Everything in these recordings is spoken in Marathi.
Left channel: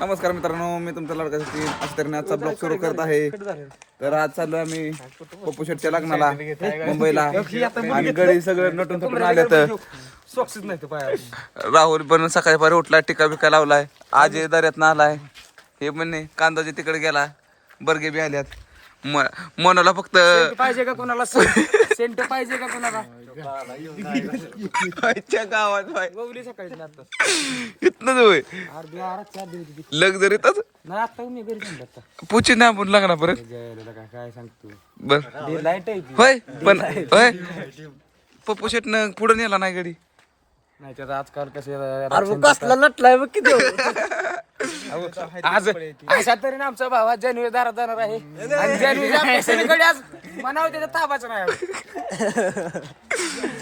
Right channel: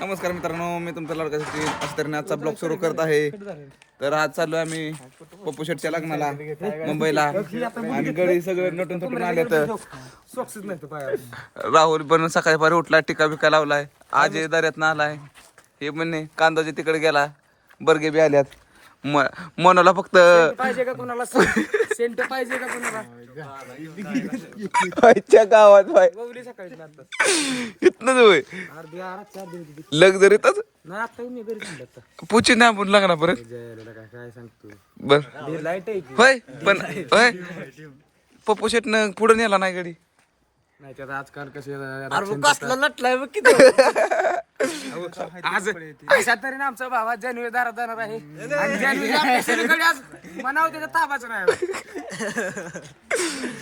नमस्कार मित्रांनो, मी तुमचा लाडका सचिन. अशा तऱ्हेने आजचा ब्लॉग सुरू करत आहे. तर आज चाललोय आम्ही पप्पू शेटच्या लग्नाला मुंबईला आणि गडी सगळे नटून थटून आले. तर राहुल पण सकाळी पारी उठला, टिका बिका लावलाय. आजय दर्यात आलाय. हे म्हणणे कांदाचे तिकडे गेला. बर्गे बी आल्यात. मनोला फक्त पाहिजे का कोणाला सेंट पाहिजे का कोणाला गावात इथनच होय लक्झरीतच पुची ना आपण लागणार परत काय सांगतो बर लाईट आहे होय पण होय पप्पू शेटनं पुढे नेला नाही गडी. नाही तर आजकाल कसे नटलाय बघ किती आज अशा तऱ्हेने आमचा भावा जानेवारी दारात जाणार आहे. जानेवारी आज म्हणावं त्याच्या ताबाचं नाही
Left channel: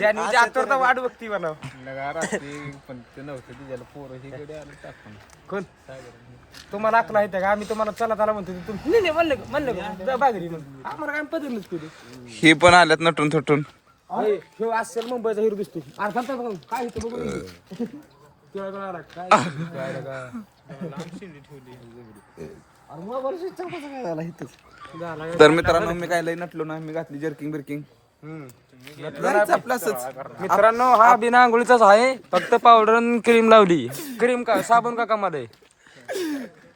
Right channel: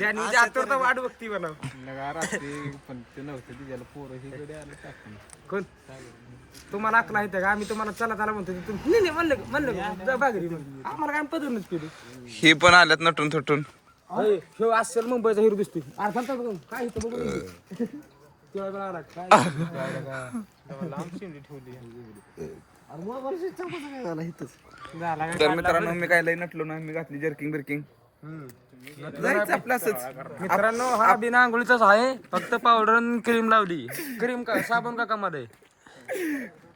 जानेवारी आता वाट बघती म्हणावं पण ते नव्हतं तिच्याला पोरं ही कडे आलं टाकून कोण तुम्हाला अकला आहे का आम्ही तुम्हाला चला त्याला म्हणतो तुम्ही म्हणलं बाजरी आम्हाला काय पदरच केली. हे पण आल्यात नटून थटून. ह्यो असेल मुंबईचा हिरो दिसतो अर्थात बघून काय इथं बघून तर मित्रांनो मी काय लई नटलो ना. मी घातली जर्किंग बिर्किंग जायचं आपलं असंच. मित्रांनो हा बिना आंघोळीचाच आहे. फक्त पावडर आणि क्रीम लावली. क्रीम का साबण का कामात आहे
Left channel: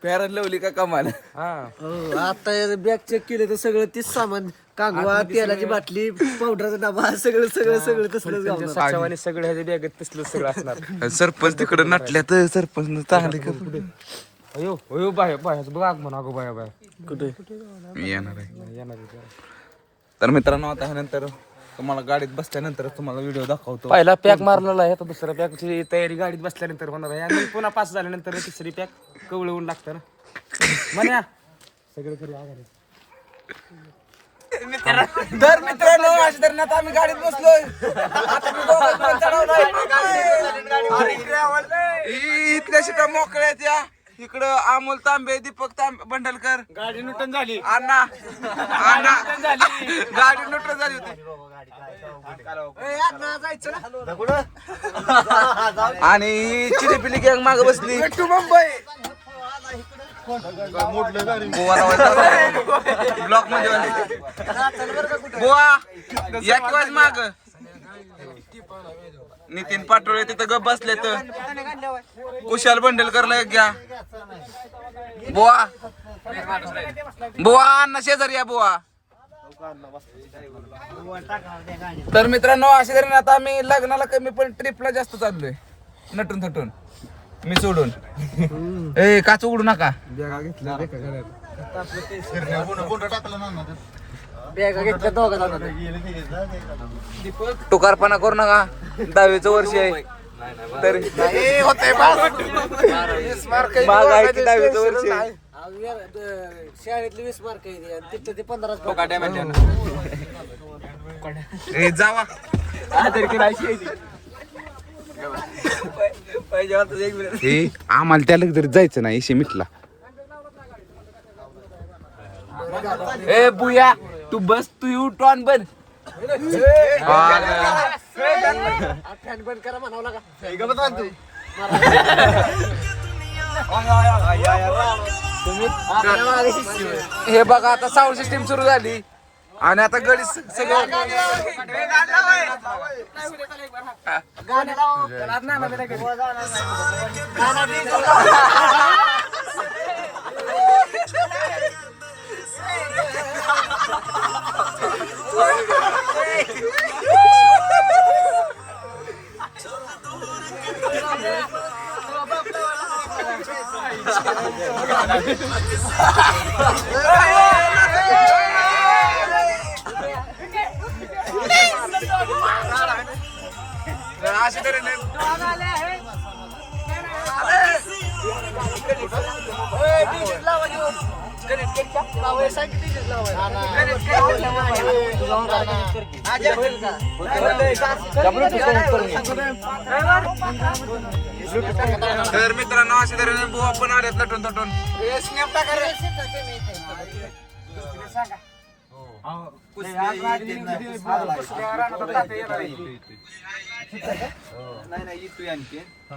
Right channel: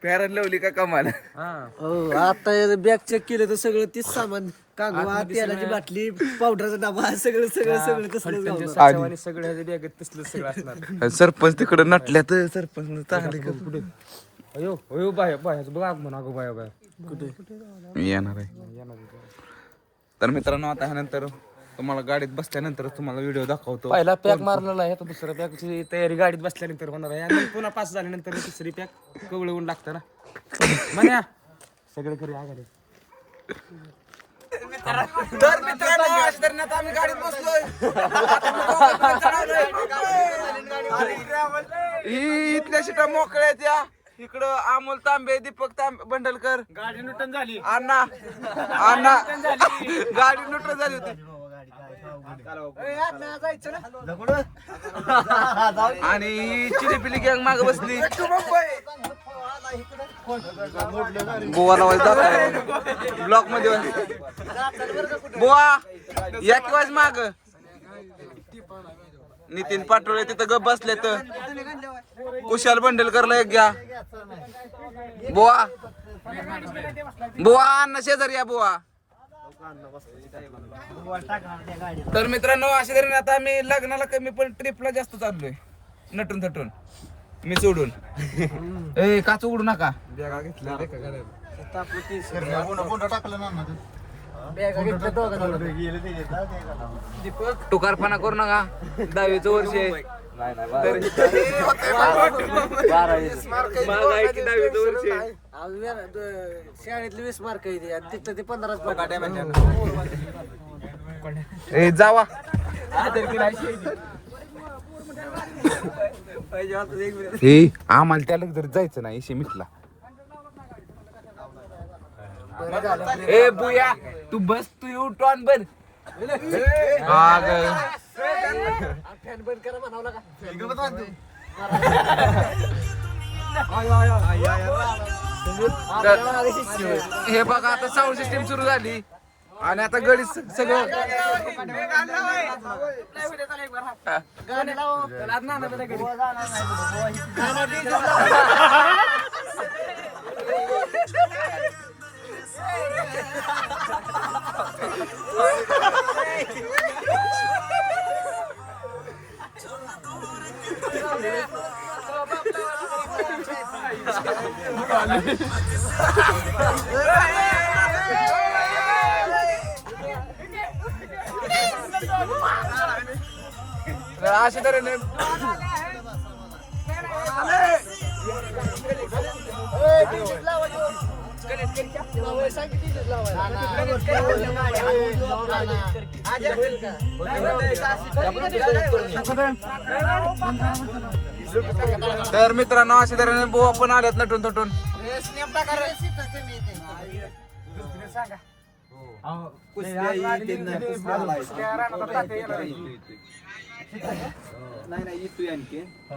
फेअर लवली का कमाल. आता बॅग चेक केलं तर सगळं तीच सामान कागवा तेलाची बाटली पावडरचा डबा सगळं तसलंच आणि सगळं ह्याच्या बॅगेत तसलं सगळं असणार. सरपंच तिकडे नटल्या तर सरपंच चांगले पुढे अयो अयो बाय बायचं बघ आगमन अगो बाय बाय कुठे येणार आहे. तर मित्रांनो आता ह्यानंतर तुम्हाला गाडीत बसल्यानंतर तुम्हाला व्हिडिओ दाखवतो. पहिला पॅक मारलेला आहे. तो दुसऱ्या पॅकची तयारी गाडीत बसल्यानंतर होणार आहे आणि पुन्हा पास झाल्यानंतर तिसरी पॅक कवळवून लागतं ना म्हण्या सगळं करू आगारे. तर मित्रांनो अशा तऱ्हेने आता आम्ही गाडीत बसलोय. आता मी दोघं चढवलोय. इथल्या सीटा मोकळ्या आहेत. या इकडं अमोल तांबे, दीपक तांबे, बंडलकर. गाडी नुटन झाली अण्णा गाडी नुटून झाली होती. आणि चिलीपिली गँग माग बसली. गोवा लावायचा ब्लॉक मध्ये गोवा या किंवा माग नितीन पाटोळे तिथं गप बसले. तर कुशाल बंडलकरला एक घ्या. बुवा अण्णा शेजारी या बुवा. तर मित्रांनो अशा तऱ्हेने आता आम्ही लग्नाला कमी पण ट्रिपला जास्त चाललोय नटून थटून. मी सोडून ए काच उघडू नका. टुकारपणा करू नका. 10वीचं वर्ष आहे. 10वीचं वर्ष आहे. शाळेतली 20 मार्क तिथं ते 15 ए जावा. आम्हाला त्याला तरी जायचं नाही इशे मिटला. ए बुया तू बस तू यू टॉन बन हे बघा आता साऊंड सिस्टीम सुरू झाली आणि आता गडी सगळं अशा तऱ्हेने तर मित्रांनो अशा तऱ्हेने बुवा पण आल्यात नटून थटून.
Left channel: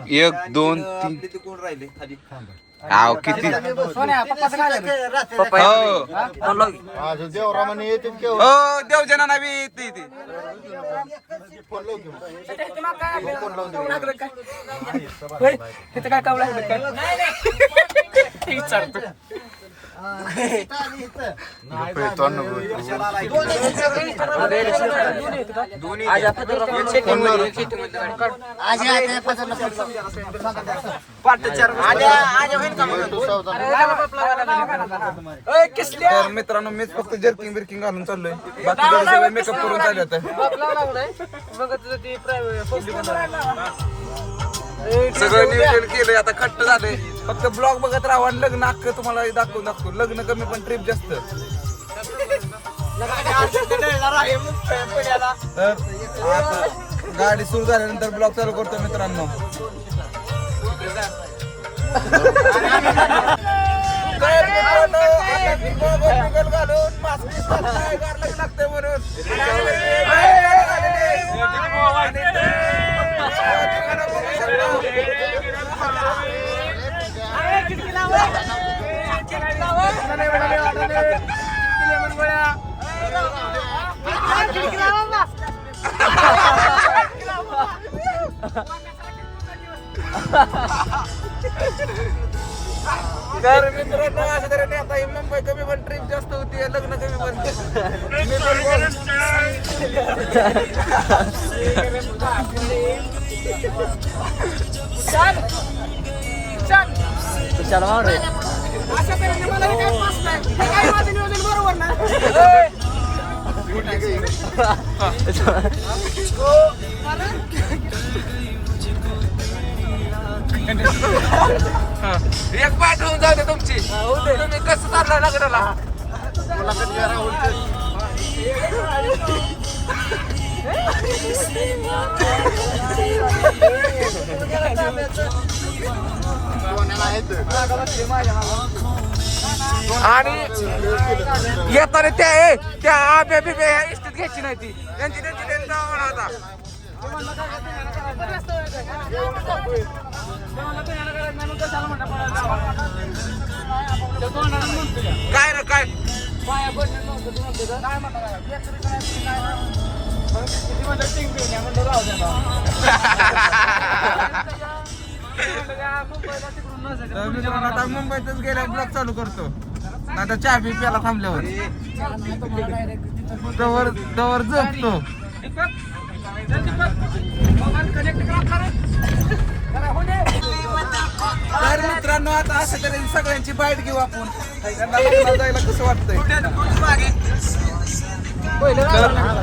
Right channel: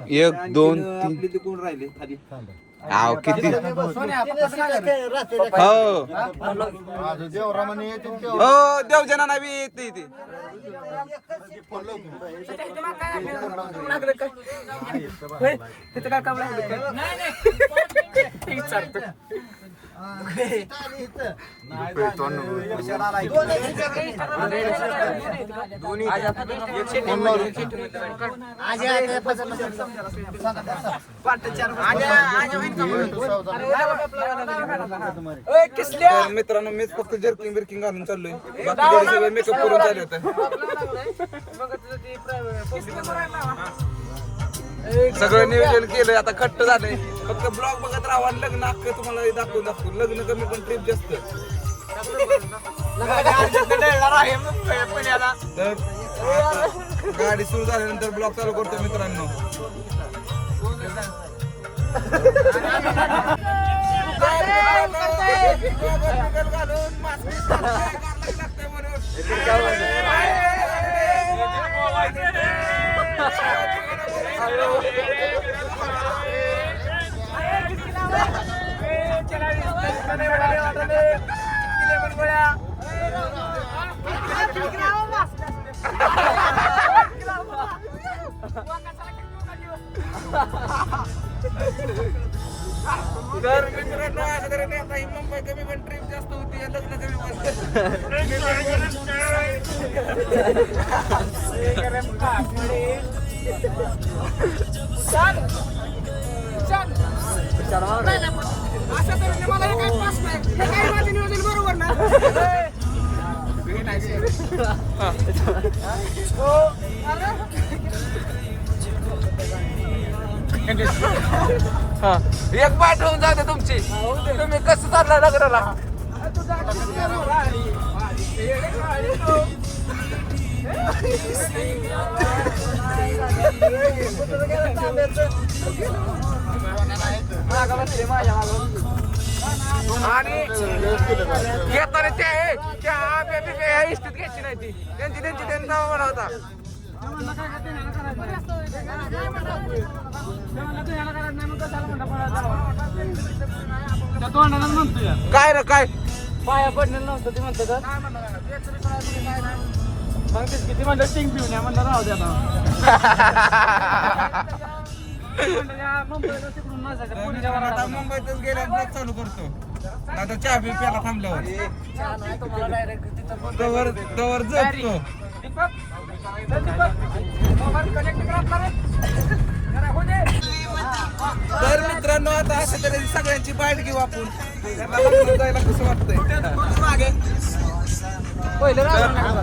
एक दोन तीन आव किती हो देवजना नावी येते इथे तर मित्रांनो मीच फक्त जर्किंग बिर्किंग घालून चाललोय बाकी सगळं मेकअप करून चालत सगळं नियोजन केलंय आता खट्ट झालंय फक्त ब्लॉग बघत राहा आणि लग्न अख्खं तुम्हाला दाखवून लग्न कमी पण ट्रिप जास्त तर आता गाडी सुरू झाल्यानंतर ब्लॉग चालू करतो मित्रांनो घालून मास्क लागतंय म्हणून तर मित्रांनो असं तरी आता ही मुंबई कमी पण ट्रिप जास्त होती लग्न कमी पण बरोबर ना एक पाठ होऊन जाऊ दे तुमची तुम्ही कसं चाललाय लग्नाला आणि येताना त्या आब्या बिब्या ह्या इस्तीत घ्यायची नाही ती त्यांची त्यांचा होता काय रे काय आता मुंबईतच गेल्या ब्लॉग चालू करतो आता चहा बी प्याला थांबल्यावर तवर झोपतो तर मित्रांनो आता अशा तऱ्हेने सगळ्यांची बाईट घेऊ आपण त्यांना लग्नाला जायला कसं वाटतंय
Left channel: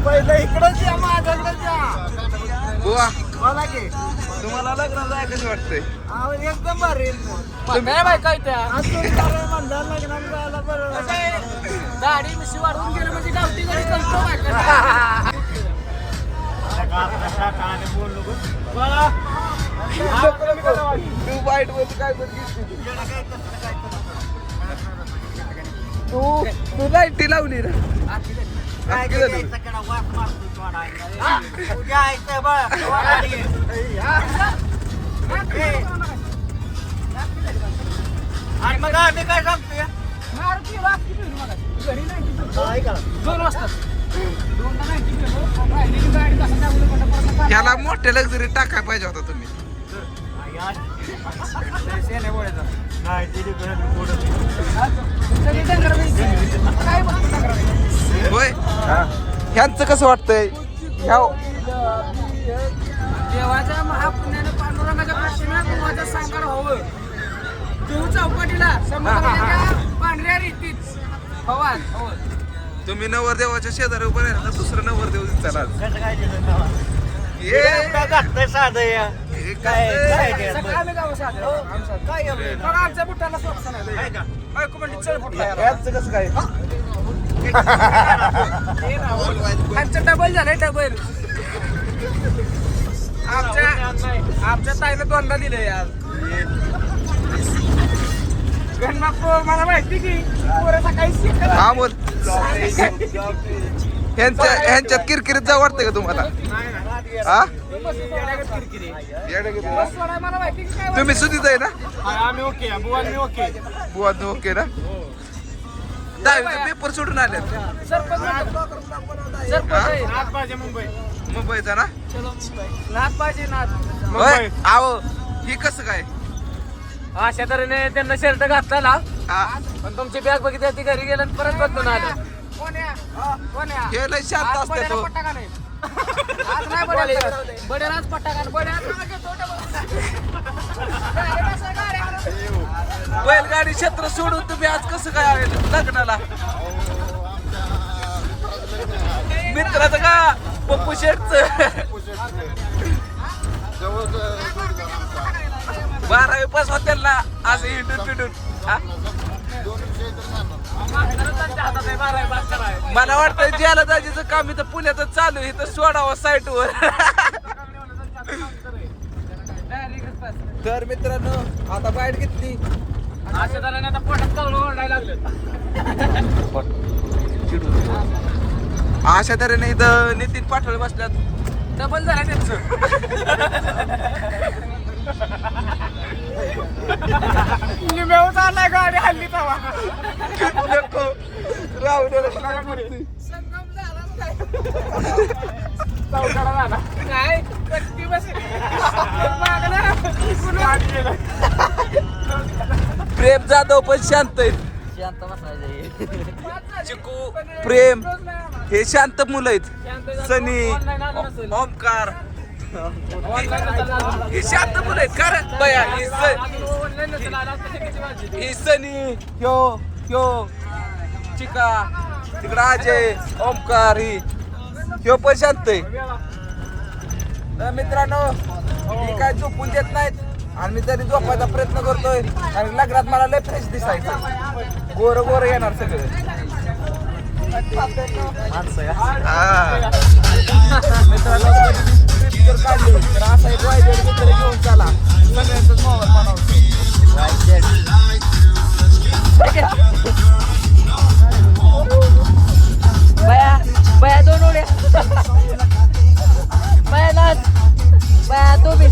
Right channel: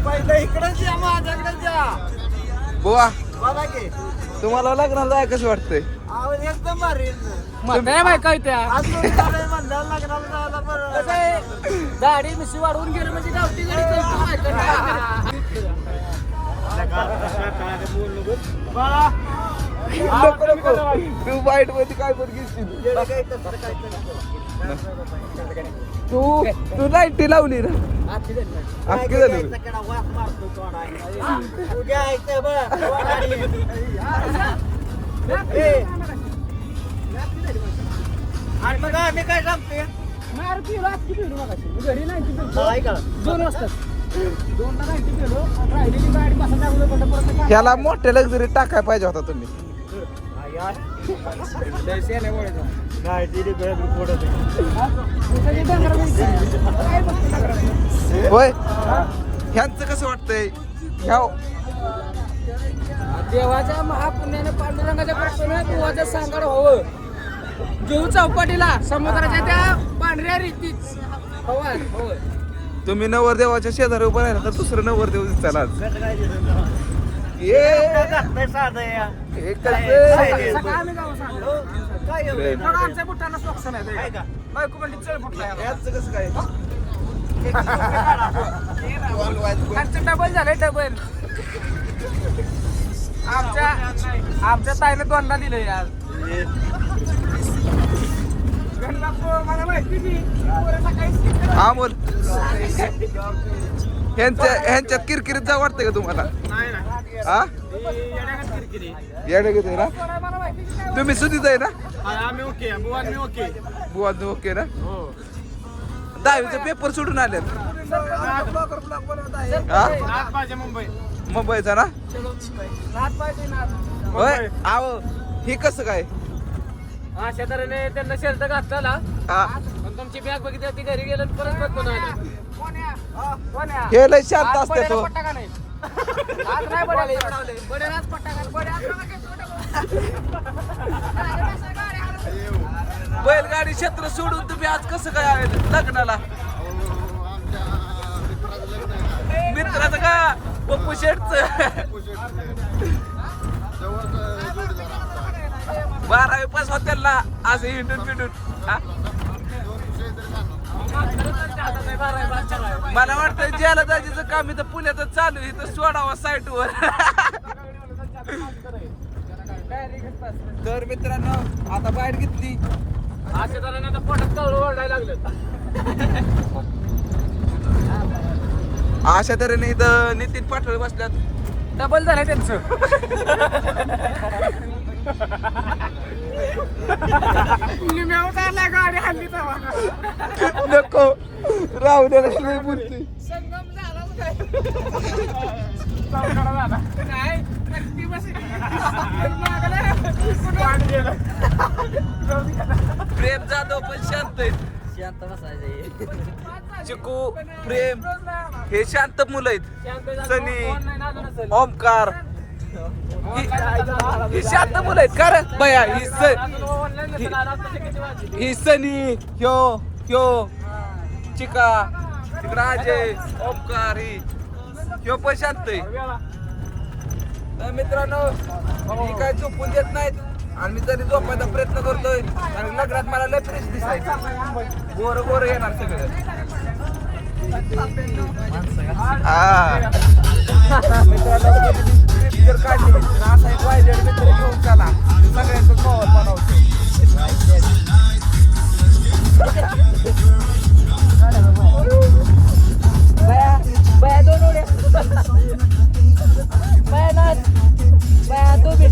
पहिलं इकडंच या माझ्याकडे बुवा तुम्हाला लग्नाला जायला कसं वाटतंय एकदम भारी लग्नाला जायला बरं गाडी मिशी वाढवून गेलं म्हणजे गावठी गाडी करतो तू लाईटी लावली मग आम्ही काय सांगतोय 2 वाजता ह्याला मोठे लक्झरी टाकाय पाहिजे होता तुम्ही होय ह्यांचं कसं वाटतंय ह्या देवाच्या महापुण्यानं पांडुरंगाच्या कृपेनं देवाचं सांगाड हवं देऊ चौपाटीला समुद्राच्या त्या पांढऱ्या रीतीच हवं तुम्ही नवरदेवाच्या शेजारी उभं राहिला तर दुसरं नवरदेव दिसताना आमच्या बुट्ट्याला स्वच्छ नाही चढ फुटला कसं काय खालचं डबल झालंय डबल आमच्या ताईला 2दा दिलंय आज मला माहिती की पोरं सकाळी शिकतात. हा बोल ह्यांच्यात किरकिरीत जा वाटतंय का तुम्हाला नाही नाही हा येड्यागत किरकिरी. या तुम्ही सुधीच आहे ना आम्ही ओके बुवा मी ओके. बुवा ओके ना दहावीचे पेपर सोडून आलेत हा नाथ पाहिजे मुंबई. मुंबईचा ना नाथ पाहिजे नाथ. होय आहो हे कसं काय अशा तऱ्हेने त्यांना शर्ट घातला ना हा पण तुमची बॅग बघितली ती घरी गेला आणि परत बघतो ना. हे लय शांत असते तो आज नाही बडेल आज बैलगाडी क्षेत्र सोडून तुम्ही आज कसं काय आले लग्नाला मित्राचं का पप्पू शेटच 12वी पास होत्याला असं हिंडून पिंडून हा? मला वाटतं ज्याला जायचं काम इथं पुण्यातच चालू इथं सोडावं साईटवर. तर मित्रांनो आता बाईट घेतली अशा तऱ्हेने आता पोटात कवळं ओरडायला लागलं. अशा तऱ्हेने इथं नितीन पाटोळे बसल्यात डबल झाले त्यांचे. निम्यावर चाललाय गाडी हल्ली नको राहू दे संगम झाला काय रक्ती बसली. प्रेम जाधव पण शांत आहेत शांत बसायचं. चिकू प्रेम हे शांत मुलं आहेत सनी ओमकार ही शांत मुलं आहेत कारण बया ही सनी ह्यो चिका तिकडं अजय ओमकार ह्यो पण शांत आहे. तर मित्रांनो ही काय झोपून देत नाहीत आणि मी तरी झोपायचा प्रयत्न करतोय कारण लग्नात मला लय फ्रेश दिसायचं गोर गोर येणार सगळं हा मित्रांनो ट्रिप जर काढली तर असा एक वायदेड मित्र घेऊन चला सगळ्यांचाच माहोल बनवतो. बया दोन उड्या बया नाच बया तू बी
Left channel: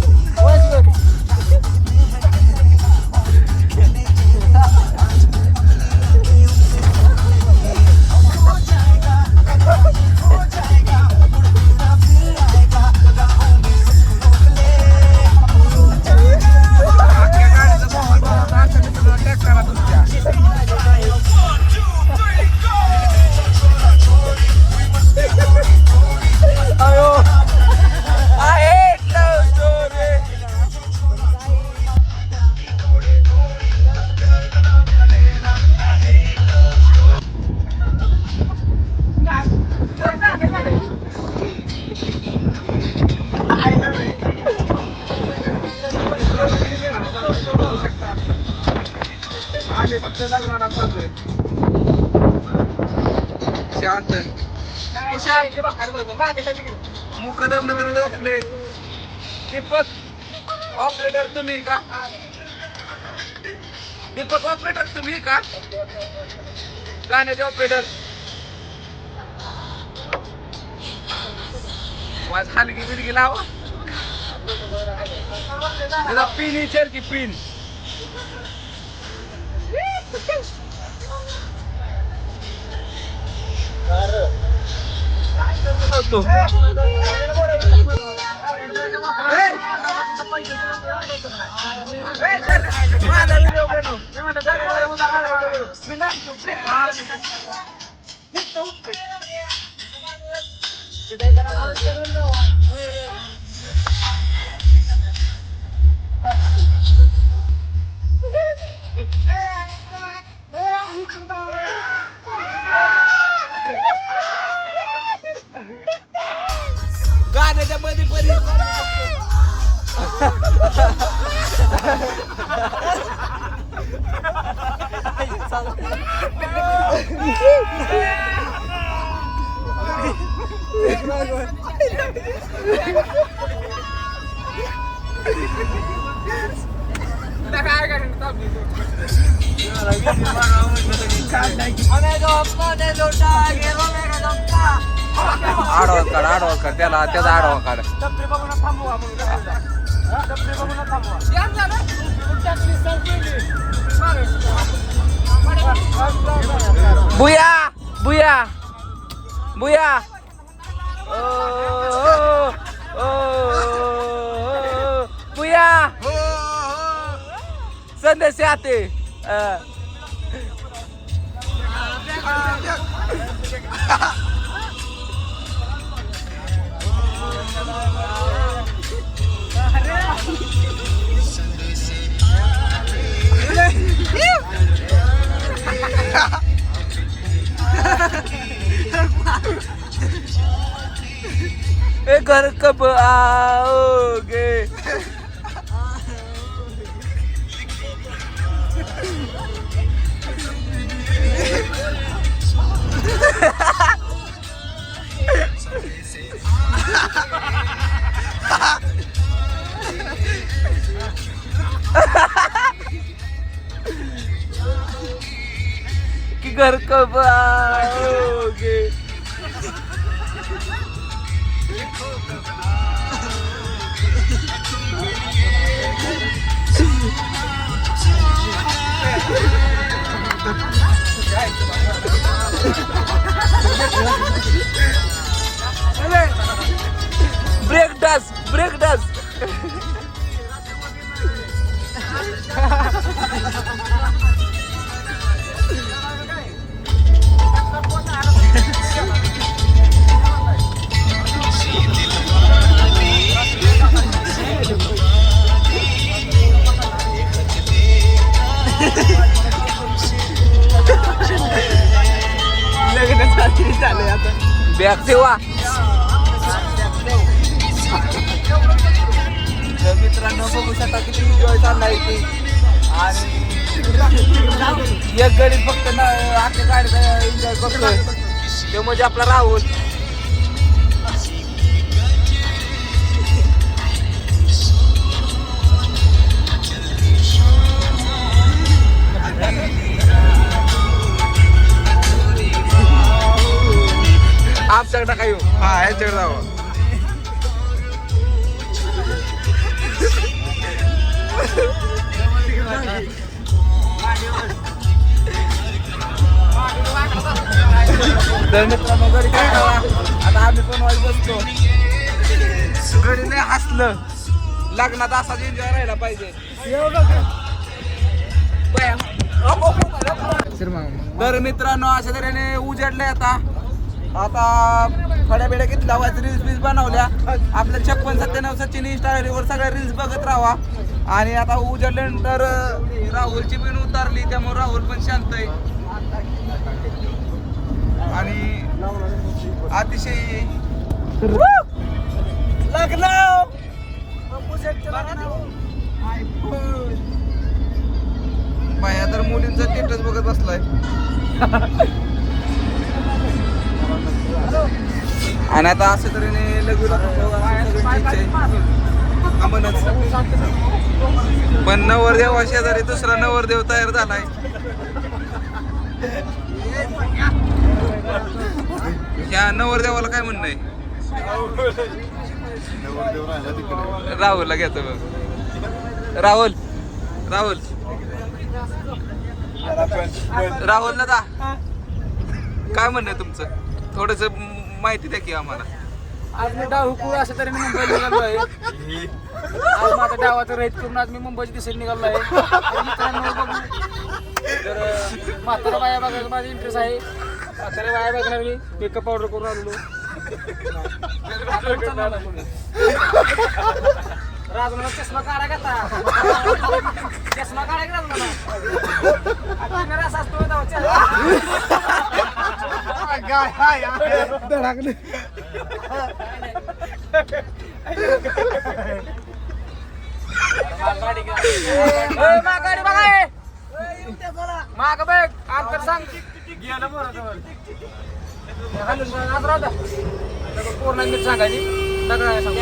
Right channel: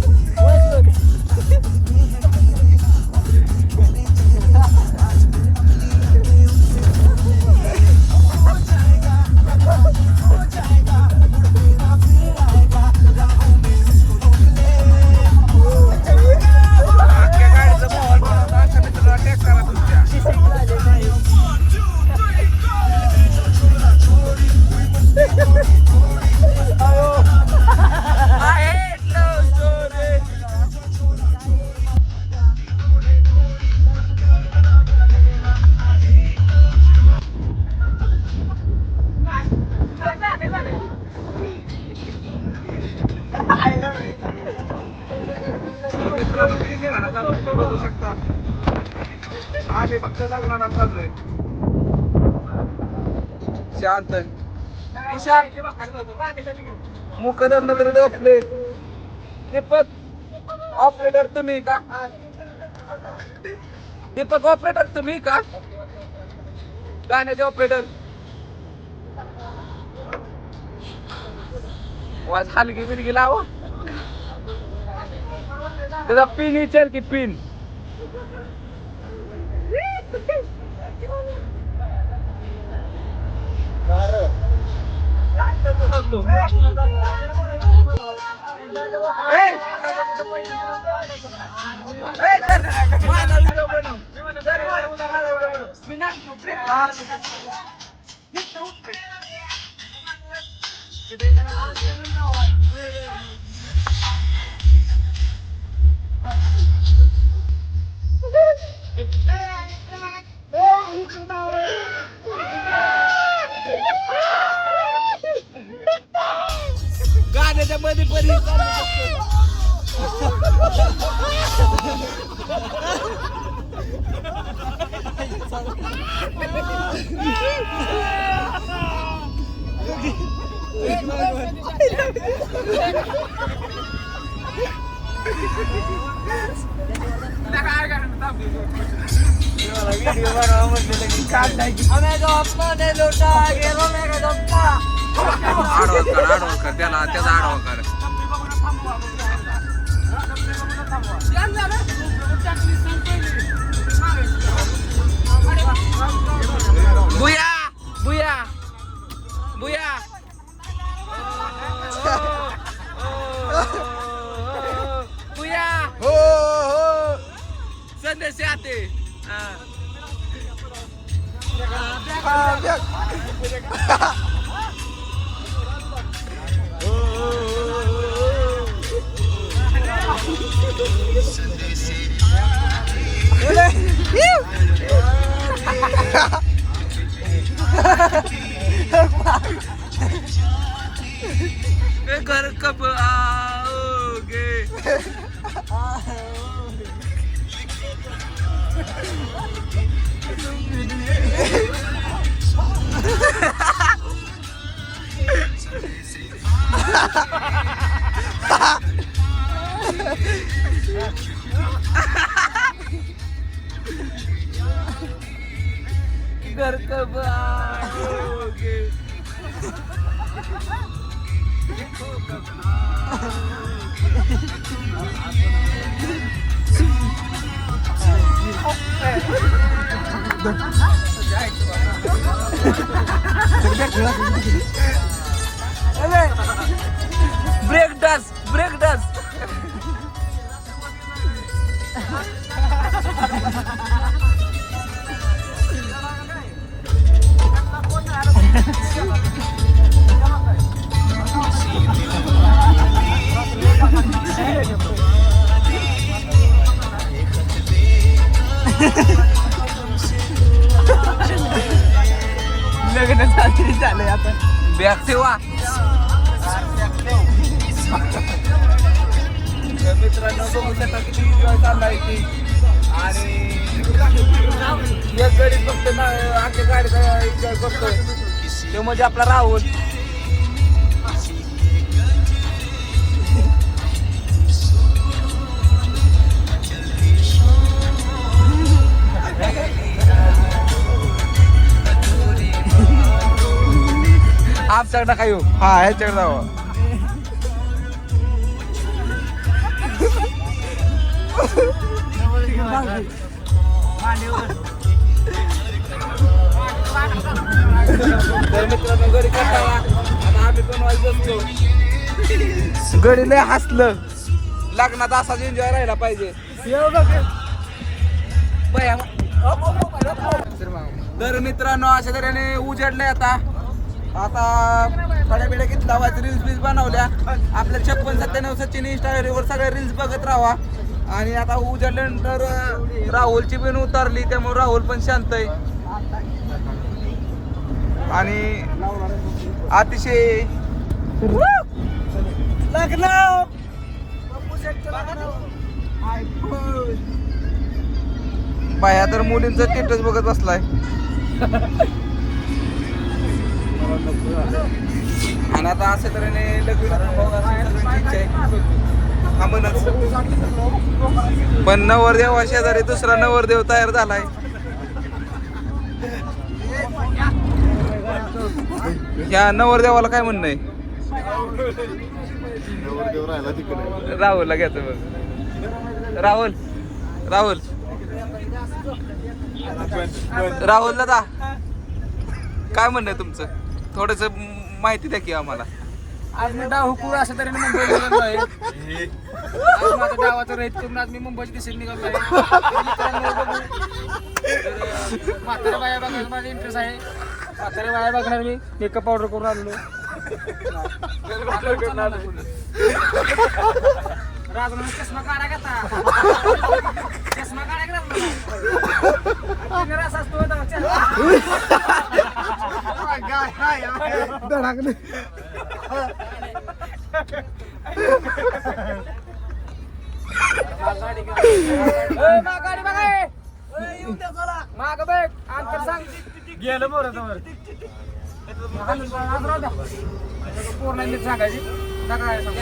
अख्ख्या गाडीचा माहोल बनवता अशा मित्रांना टॅग करा तुमच्या. I hate love story. आम्ही फक्त लग्नाला चाललोय शांत मुकदम नगर झोपले. दीपक ऑपरेटर तुम्ही का दीपक ऑपरेटर तुम्ही का गाण्याचे ऑपरेटर वाज हलगी बिलगी लावा तुझा पिन विचार की पिन गाण्याच्या मध्ये परी आडवा काढ त्याला त्याचा आडवा काढ. बुया बुया बुया बुया हो संदेश आते घर कब आओगे. घर कब आओगे. ब्रेक डान्स बॅग ठेवा. मित्रांनो बघू शकता किती एन्जॉय चाललाय ते. आणि एक गडीत फक्त आमच्या गाडीचा एन्जॉय करतोय ते म्हणजे आपला राहुल. आमच्याकडे काय येऊ हा ह्याच्याकडे जावं. तर मित्रांनो घरी कंटाळा आता आम्ही पण वाज बसतो. घरी लय हसलं. लग्नात असाच एन्जॉय राहायला पाहिजे. तर मित्रांनो अशा तऱ्हेने उजेडलंय आता फड्या बिड्या घेतला रील्स बील्स बनवल्या. आपल्या 56-97 सचिन इंस्टाग्रामवर सगळ्या रील्स बघत राहा. आणि आता उजेडल्यानंतर राहुलची पण उतारली त्यामुळे राहुल पण शांत आहे. आणि अतिशय लग्न बाया तर मुलींचं स्टेटस बघत बसलाय. आणि आता अशा तऱ्हेने लग्न पण नवरदेव शेजारी दुसरा नवरदेव तयार झालाय. या नवरदेवाला काय म्हणणं आहे. राहुलला घ्यायचं बघ. राहुल राहुलला दा काय म्हणणं आहे तुमचं. थोडस माहिती द्या की आम्हाला. आज मी डाव हुकून अशा तऱ्हेने मुंबईला निघालो आहे. आज माझा डावाचं रहित करून आज मी मुंबईच्या दिशेने निघालो आहे. तर मित्रांनो बघू म्हातारा बाया बघायला माझा इंटरेस्ट आहे. म्हातारा बाया बघणार मी मेकअप पावडर करून आलेलो. राजमुला चष्मा काढा घेता. चष्मा काढा घेता मेरा सास तो माग बघ अंतर सांग गेलं बरं तुम्हाला पूर्ण नीट सांगायची नका सांगू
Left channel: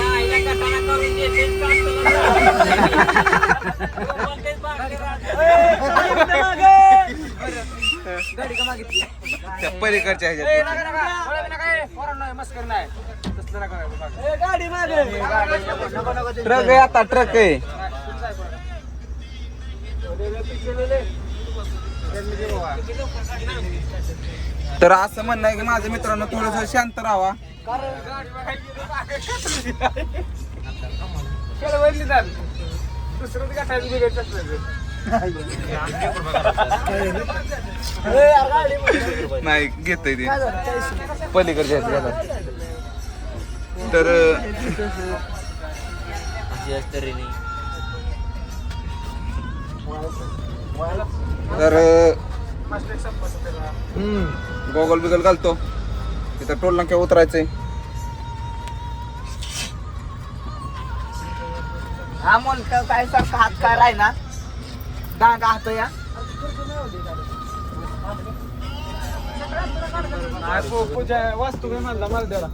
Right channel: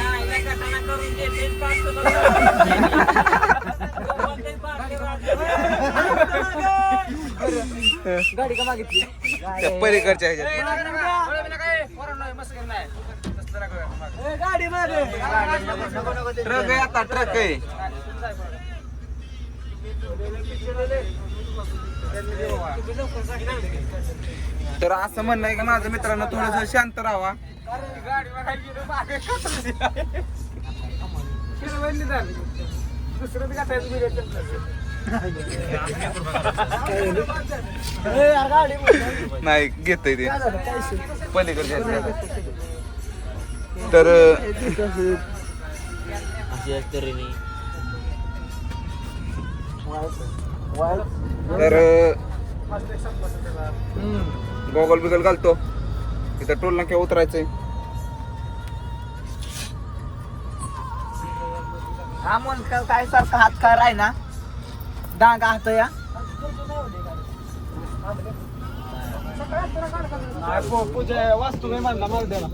गाडी का मागितली त्या पलीकडच्या ह्याच्यात गाडी मागे ट्रक आहे आता ट्रक आहे. तर असं म्हणणं आहे की माझं मित्रांनो थोडस शांत राहावा. नाही घेतय ते पलीकडच्या तर गॉगल बिगल घालतो इथं टोल नाक्या उतरायचंय. हा मन काय सारखा हात काय राही ना डांगा हात या वस्तू मी म्हणला मला द्याला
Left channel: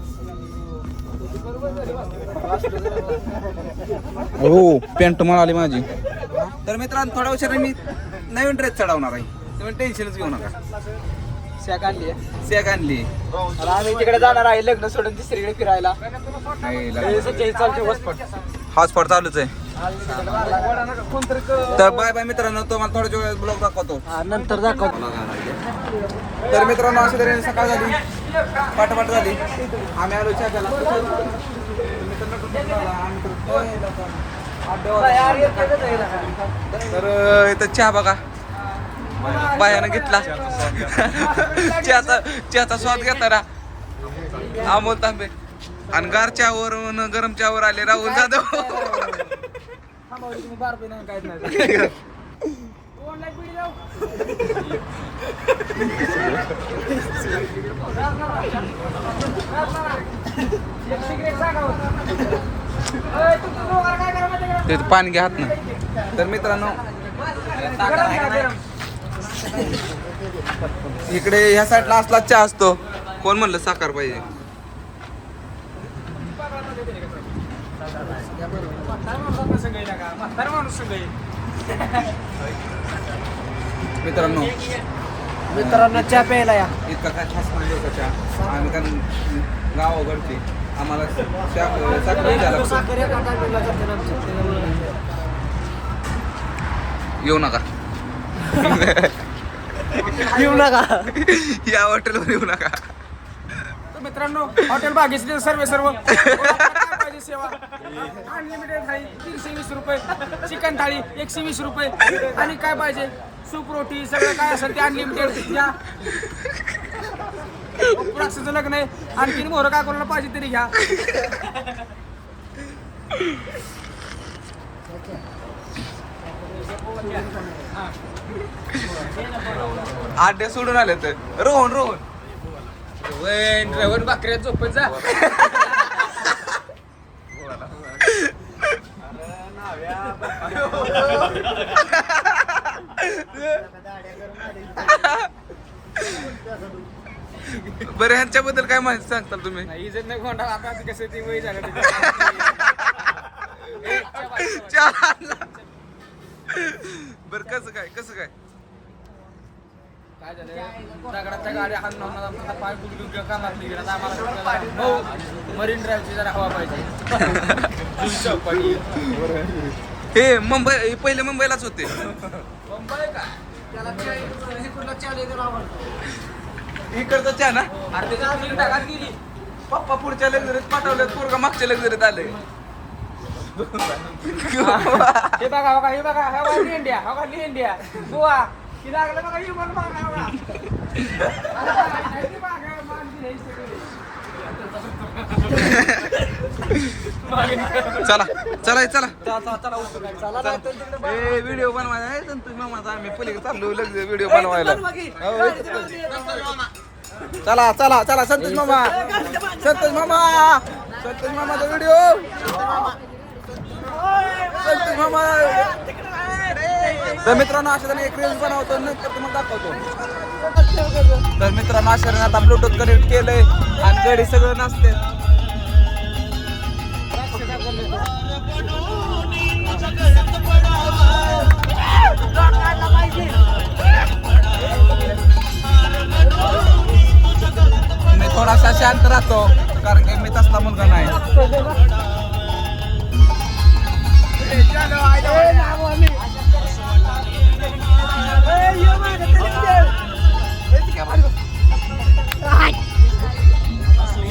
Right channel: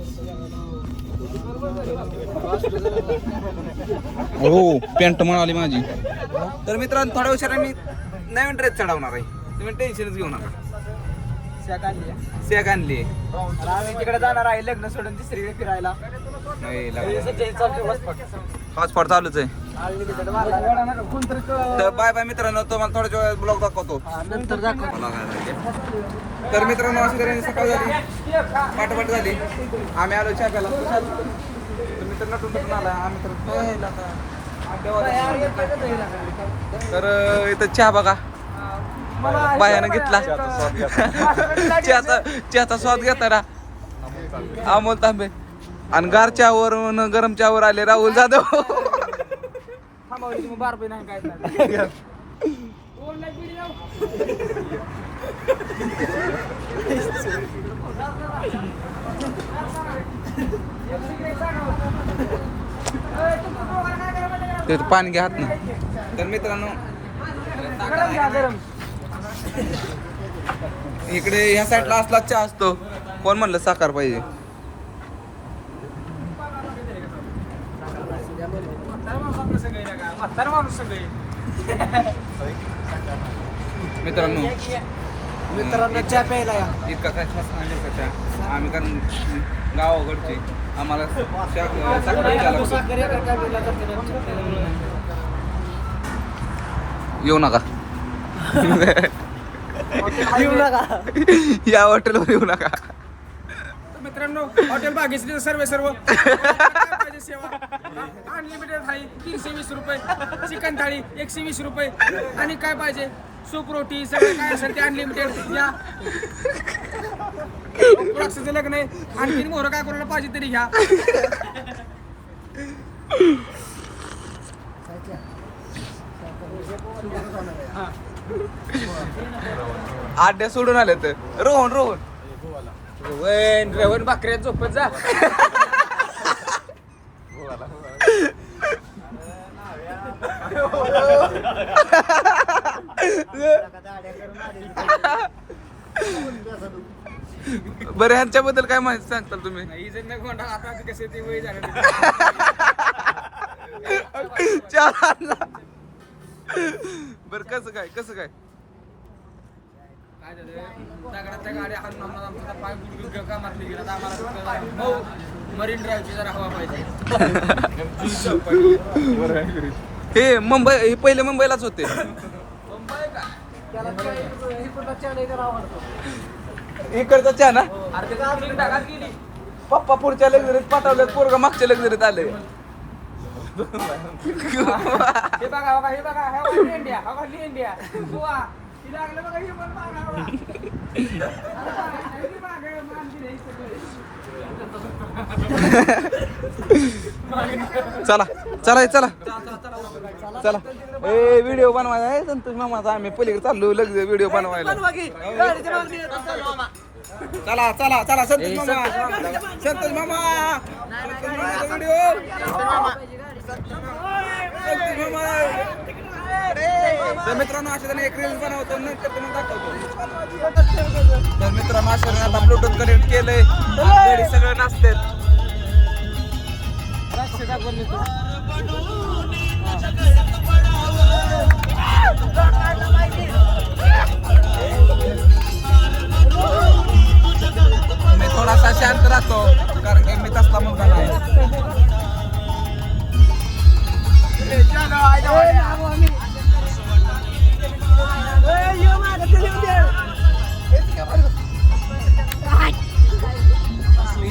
हो पॅन्ट मिळाली माझी. तर मित्रांनो थोड्या उशिरा मी नवीन ड्रेस चढवणार आहे, तुम्ही टेन्शनच घेऊ नका. शॅक आणली सॅग आणली. आम्ही तिकडे जाणार आहे लग्न सोडून तिसरीकडे फिरायला. हॉटस्पॉट चालूच आहे. तर बाय बाय मित्रांनो, तुम्हाला थोड्या वेळात ब्लॉग दाखवतो. नंतर दाखव. तर मित्रांनो अशी तऱ्हेने सकाळ झाली, पाठपाठ झाली, आम्ही आलो चहा प्यायला. मित्र नटून आला आम्ही तर इथं चहा बघा बायानं घेतला. चहाचा स्वाद घेताना अमोल तांबे आणि गार चहावर गरम चहावर आले राहुल जाधव. ते पाणी घ्या हात ना. तर मित्रांनो इकडे ह्या साईडला असला चहा असतो. कोण म्हणलं साखर पाहिजे? मित्रांनो चहा प्यायला या. इतका काय खास नाही का चहा. आम्ही कारण गावाकडचे आम्हाला साखर द्यायला लागतो. येऊ नका येऊ नका या हॉटेलवर येऊ नका. मित्रांनो हॉटेल बागेचे सर्व पाहिजे सेवा. अनलिमिटेड थाळी 320 रुपये, चिकन थाळी 120 रुपये आणि काय पाहिजे सूप रोटी सगळं काय असेल ते अनलिमिटेड या. पुराचं लग्न आहे, आणखी मोहरं काय कोणाला पाहिजे तरी घ्या. आड्या सोडून आले तर रोहन रवण भाकऱ्या झोपत जा. बरं ह्यांच्याबद्दल काय माहिती सांगताल तुम्ही? ही जर नाही कोणता आता कसं ते वय झालं बर कसं काय काय झालं दगडाच्या गाड्या हाणून आमचा पाय बुडून कामातली गेला. आम्हाला मरीन ड्राईव्हची जरा हवा पाहिजे. हे मुंबई हे पहिले मुंबईलाच होते. मुंबई का त्याला इकडला चहा लय आवडतो. इकडचा चहा ना अरे त्याची फिलिंग ढगात गेली. पप्पा पुढच्या लग्जरीत पाठवलं, पोरगा मागच्या लग्जरीत आले. हे बघा हे बघा इंडिया गोवा की लागलं बघा ही बघा चला व्हिडिओ बनवायला आहे संतोष मामाचा. आम्ही पलीकडे चाललो लग्न व्हिडिओ बनवायला. चला संतोष मामाचा व्हिडिओ. संतोष मामा. तर मित्रांनो अशा एक रील्स बनवतो, नंतर तुम्हाला दाखवतो. तर मित्रांनो अशा आता ब्लूटूथ कनेक्ट केलंय आणि गडी सगळं नाचते. जरा शांत राहतो कारण की मी तसला मुलगा नाही.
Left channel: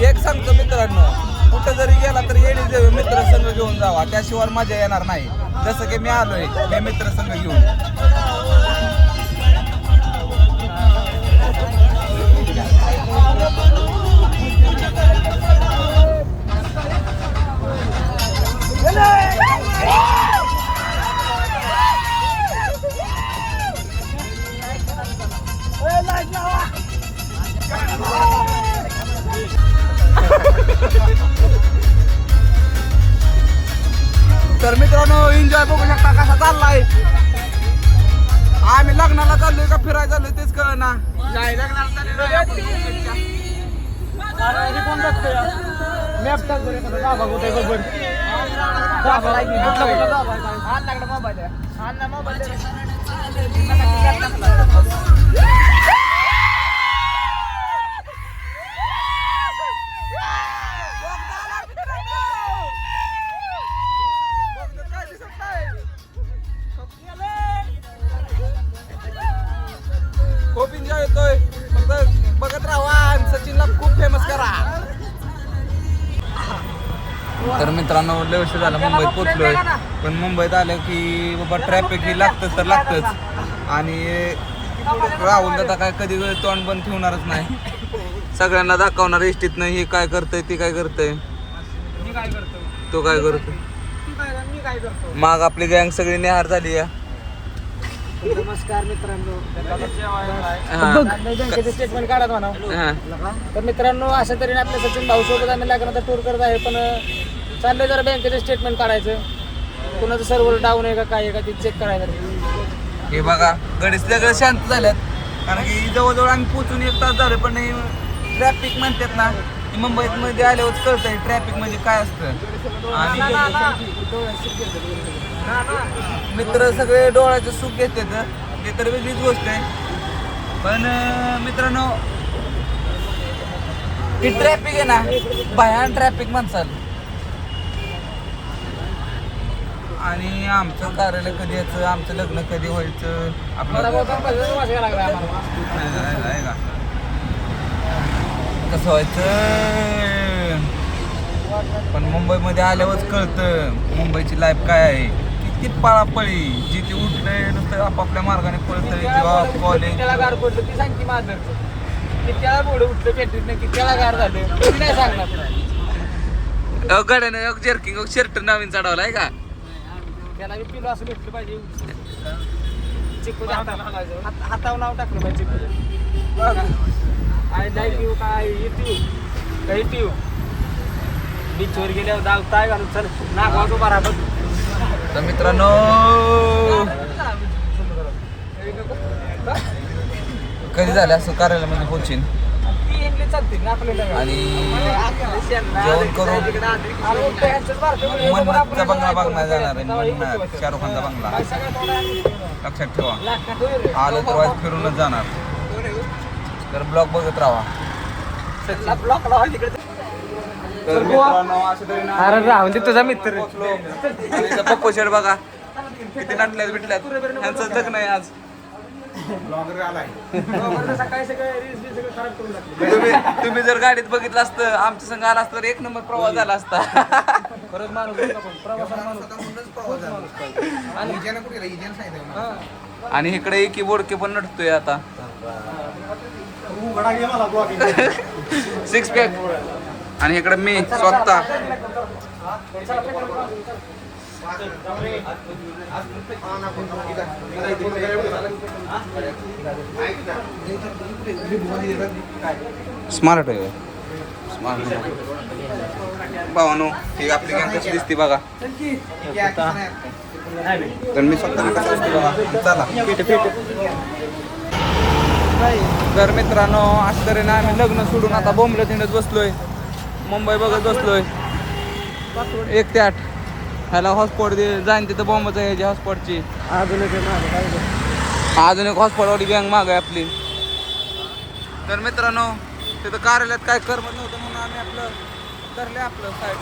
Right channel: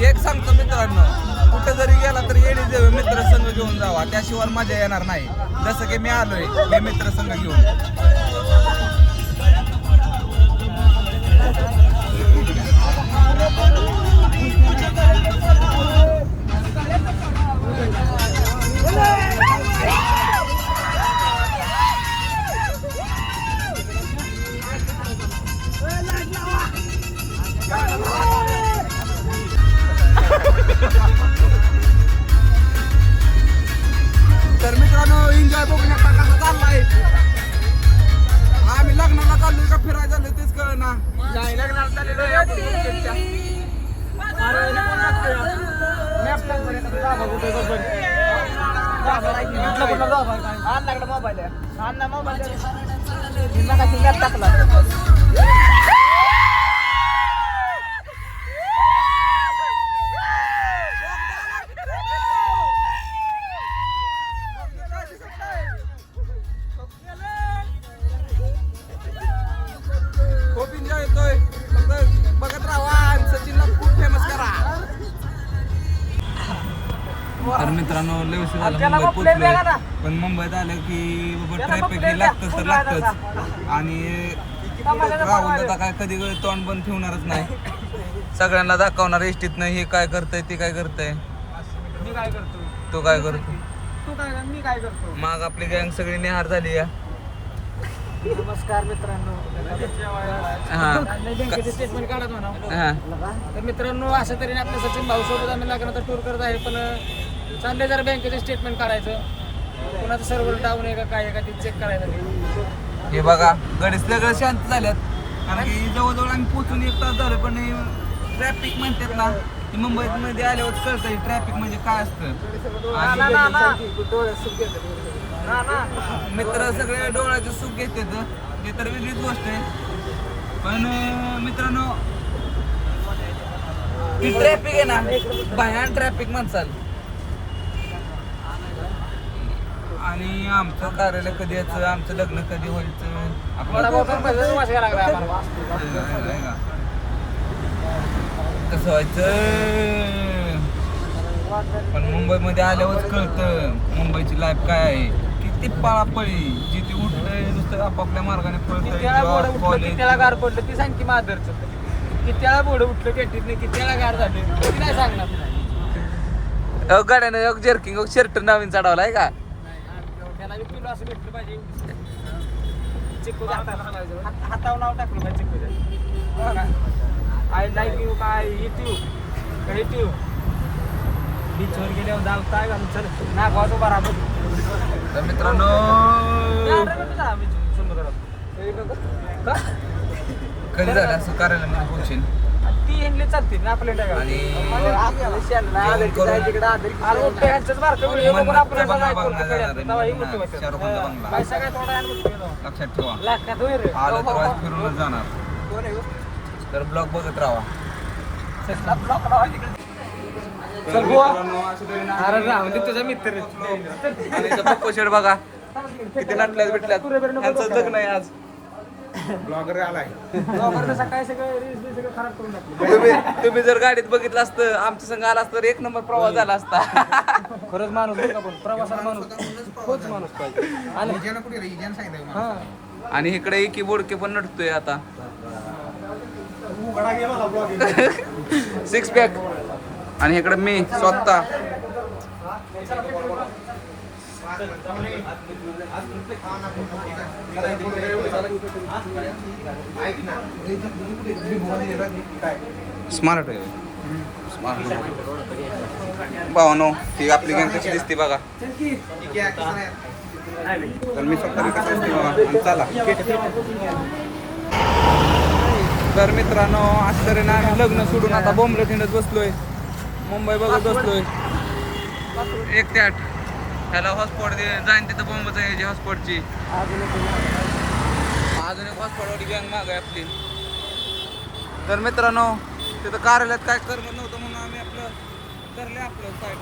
एक सांगतो मित्रांनो, कुठं जरी गेला तर येडी देव मित्र संघ घेऊन जावा, त्याशिवाय मजा येणार नाही. जसं की मी आलोय हे मित्र संघ घेऊन. तर मित्रांनो एन्जॉय बघू शकता कसा चाललाय. आम्ही लग्नाला चाललोय का फिरायला चाललोय तेच कळ ना. खूप एन्जॉय येतोय. फक्त बघत राहा आणि सचिनला खूप फेमस करा. तर मित्रांनो लय वर्ष झालं मुंबईत पोचलोय, पण मुंबईत आलं की बाबा ट्रॅफिक ही लागतच तर लागतच. आणि राहुल दादा काय कधी तोंड बंद ठेवणारच नाही. सगळ्यांना दाखवणार एसटीतनं हे काय करतंय ती काय करतंय, मी काय करतो तो काय करतो. तू काय मी काय करतो. मग आपली गँग सगळी निहार झाली या. नमस्कार मित्रांनो. बँकेचे स्टेटमेंट काढा म्हणा. हा. तर मित्रांनो अशा तऱ्हेने आपल्या सचिन भाऊ सोबत आम्ही लग्नाचा टूर करत आहे, पण चाललंय जरा बँकेचे स्टेटमेंट काढायचं. कुणाचं सर्व्हर डाऊन आहे का काय आहे का ते चेक करायचं. हे बघा गडे सगळं शांत झाल्यात कारण की जवळजवळ आम्ही पोचून 1 तास झाले, पण ट्रॅफिक म्हणतात ना, मुंबईत मध्ये आल्यावर कळतंय ट्रॅफिक म्हणजे काय असतं. आणि मित्र सगळे डोळ्याचे सुख घेतात ते तर वेगळीच गोष्ट आहे. पण मित्रांनो ही ट्रॅफिक आहे ना, भयान ट्रॅफिक म्हणसाल. आणि आमचं कार्यालय कधी यायचं, आमचं लग्न कधी व्हायचं, आपलं कसं व्हायचं. पण मुंबईमध्ये आल्यावरच कळतं मुंबईची लाईफ काय आहे. किती पळापळी, जिथे उठलंय नुसतं आपापल्या मार्गाने पळतंय. जॉब, कॉलेज, गाड्यानं जर्किंग शर्ट नवीन चढवला आहे का. हातावर नाव टाकलं पाहिजे. आय लाईक यू काय येते काही पिऊ बीचवर गेल्यावर जाऊ काय घालून चल नागावर उभा राहा. तर मित्रांनो कधी झालं असं कार्यालयामध्ये पोचीन आणि जेवण करून मन्नतचा बंगला बघणार जाणार आहे. मन्नत शाहरुख खानचा बंगला लक्षात ठेवा. आलं तर वाईट फिरूनच जाणार. तर ब्लॉग बघत राहा. तर मित्रांनो अरे तुझा मित्र आणि पप्पू शेड बघा किती नटल्यात बिटल्यात. ह्यांचं लग्न आहे आज. ब्लॉगर आलाय. सकाळी सगळे रील्स सगळं खराब करून टाकले. तुम्ही जर गाडीत बघितलं असतं आमच्या संग आला असतं तर 1 नंबर प्रवास झाला असता. आणि इकडे की बोडके पण नटतोय आता. 6 पॅक. आणि इकडे मी स्वतः स्मार्ट आहे. स्मार्ट भावानो ही आपली गँग कशी दिसते बघा. तर मी स्वतः कसं दिसते बघा. चला. तर मित्रांनो अशा तऱ्हेने आम्ही लग्न सोडून आता बोंबलत हिंडत बसलोय. मुंबई बघत बसलोय. 1 ते 8 ह्याला हॉटस्पॉट जाईन तिथं बॉम्बच आहे ह्याची हॉटस्पॉटची. अजून एक हॉटस्पॉटवाली गँग माग आहे आपली. तर मित्रांनो तिथं कार्यालयात काय करमत नव्हतं म्हणून आम्ही आपलं धरले आपलं साईड.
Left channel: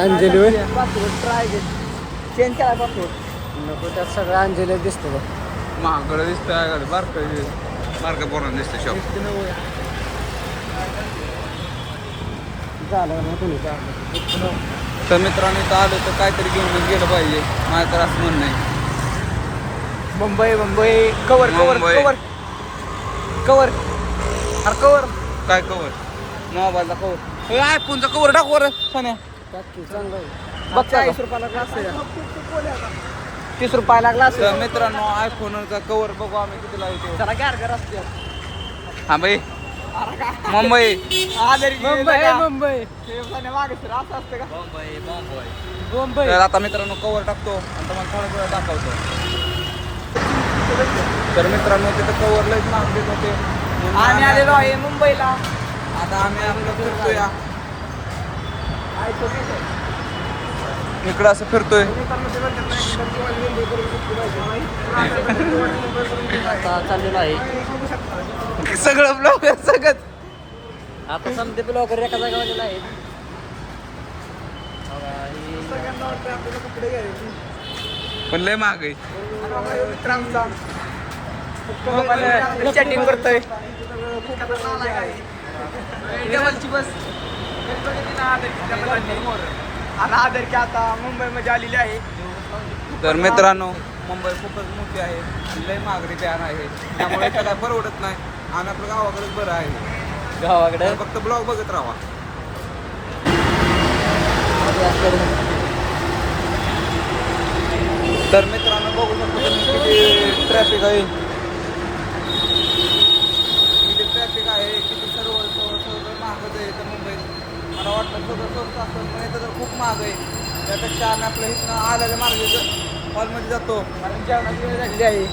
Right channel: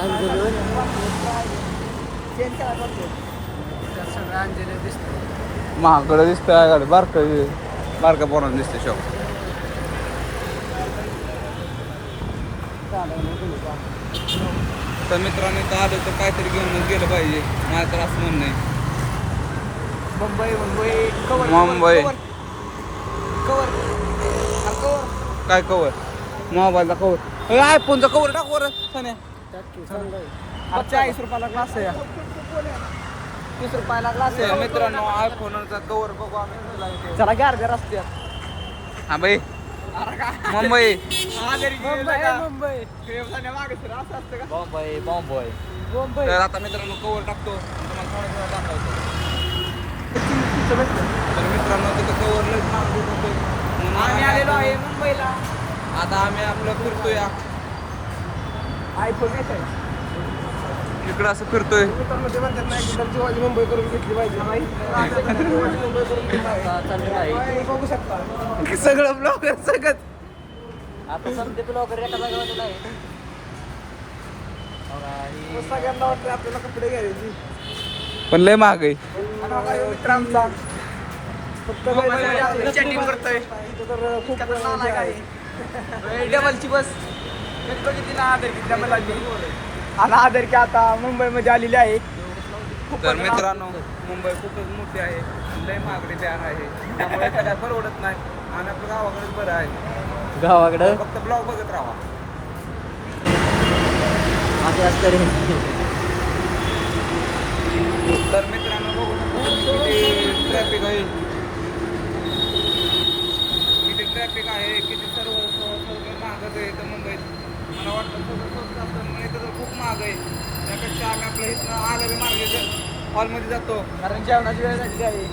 अंजली होय? चेंज केला करतो. नको त्यात सगळं अंजली दिसतं बघ. महागडं दिसतं गाडी बारका पोरांना दिसतं शॉप. तर मित्रांनो इथं आलो तर काहीतरी घेऊनच गेलं पाहिजे, माझं तर असं म्हणणं आहे. मुंबई कवर मुंबई. कवर काय कवर? मोबाईलचा कवर. आयफोनचा कवर टाक वर सन्या. चांगलं आहे. 40 रुपयाला ग्लास आहे 30 रुपयाला ग्लास तर आहे. मित्रांनो आयफोनचा कवर बघू आम्ही किती लागते. जरा गार असते. हा बाई अरे का मुंबई. मुंबई हे मागे असं असतं का? मुंबई तर आता मित्रांनो कवर टाकतो आणि तुम्हाला थोडं थोडं दाखवतो. तर मित्रांनो तिथं कवर लयच नाव घेत होते म्हणून आम्ही आलेलो आहे आम्ही मुंबईला. आता आम्ही आपलं फिरतोय इकडं असं फिरतोय. सगळं ब्लॉगर सगळं आता समते ब्लॉगर एका जागेवर आहेत. पण लय महाग आहे. चॅटिंग करतोय डबलची बस आणि आदर की आता मुंबईमध्ये आलेले आहेत. तर मित्रांनो मुंबई खूपच मोठी आहे, लय महागडी जाण आहे, त्यामुळे इथं काय परवडत नाही आणि आपलं गावाकडेच बरं आहे. गावाकडे तर फक्त ब्लॉग बघत राहा. तर मित्रांनो बघू शकतो किती ट्रॅफिक आहे, किती सर्व महागच आहे इथं मुंबईत. मला वाटतं सगळं स्वस्त असतं पण इथं तर खूप महाग आहे. त्यापेक्षा आम्ही आपलं इथनं आलेल्या मार्गे हॉलमध्ये जातो. वेळ झालेली आहे.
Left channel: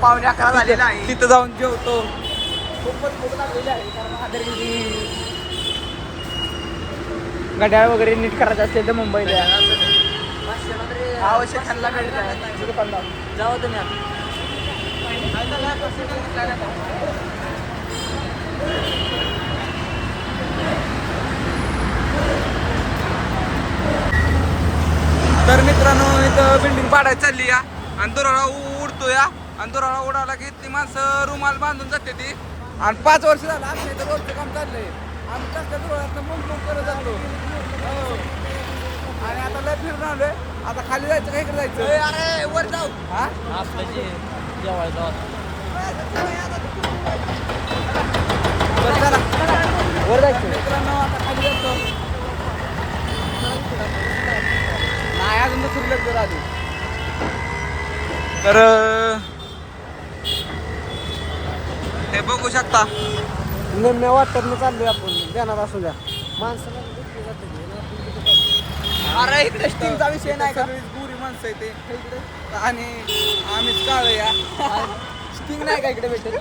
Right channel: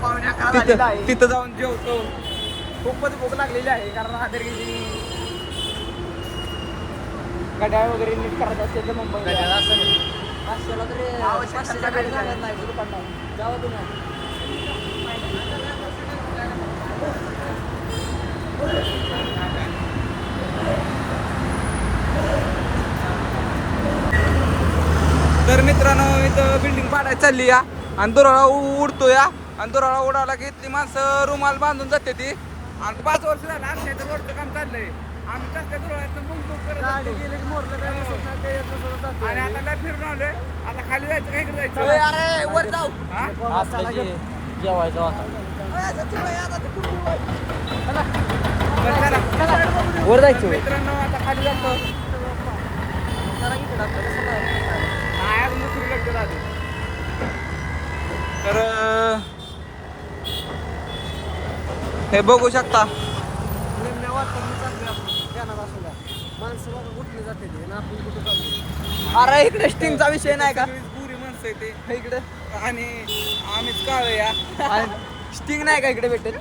पावणे 11 झालेला आहे. तिथं जाऊन जेवतो. खूपच भूक लागलेली आहे कारण आदरगिरी घड्याळ वगैरे नीट करायचं असेल तर मुंबईला आवश्यक त्यांना भेट द्या. तर मित्रांनो इथं बिल्डिंग पाडायची चालली या आणि दोराळा उडतो या आणि दोराळा उडाला की ती माणसं रुमाल बांधून जाते ती. आणि 5 वर्ष झालं आमच्या इथं रोडचं काम चाललंय. आम्ही कसल्या दोराळ्यातनं मुंग करत जातो आणि आता लय फिरून आलोय. आता खाली जायचं का इकडे जायचं? हा? मित्रांनो आता खाली जातो. नाही अजून दुसरी लग्न आधी. तर हे बघू शकता निम्म्या वाटतं चाललोय आपण जाणार असू द्या. माणसं बघा कुठली जाते ते ना आपण कुठं चाललोय. अरे इकडे स्टिंगचा विषय नाही का? सगळीच बुरी माणसं आहे ते इकडे आणि आम्हीच काळ या. स्टिंग नाही का इकडे भेटेल?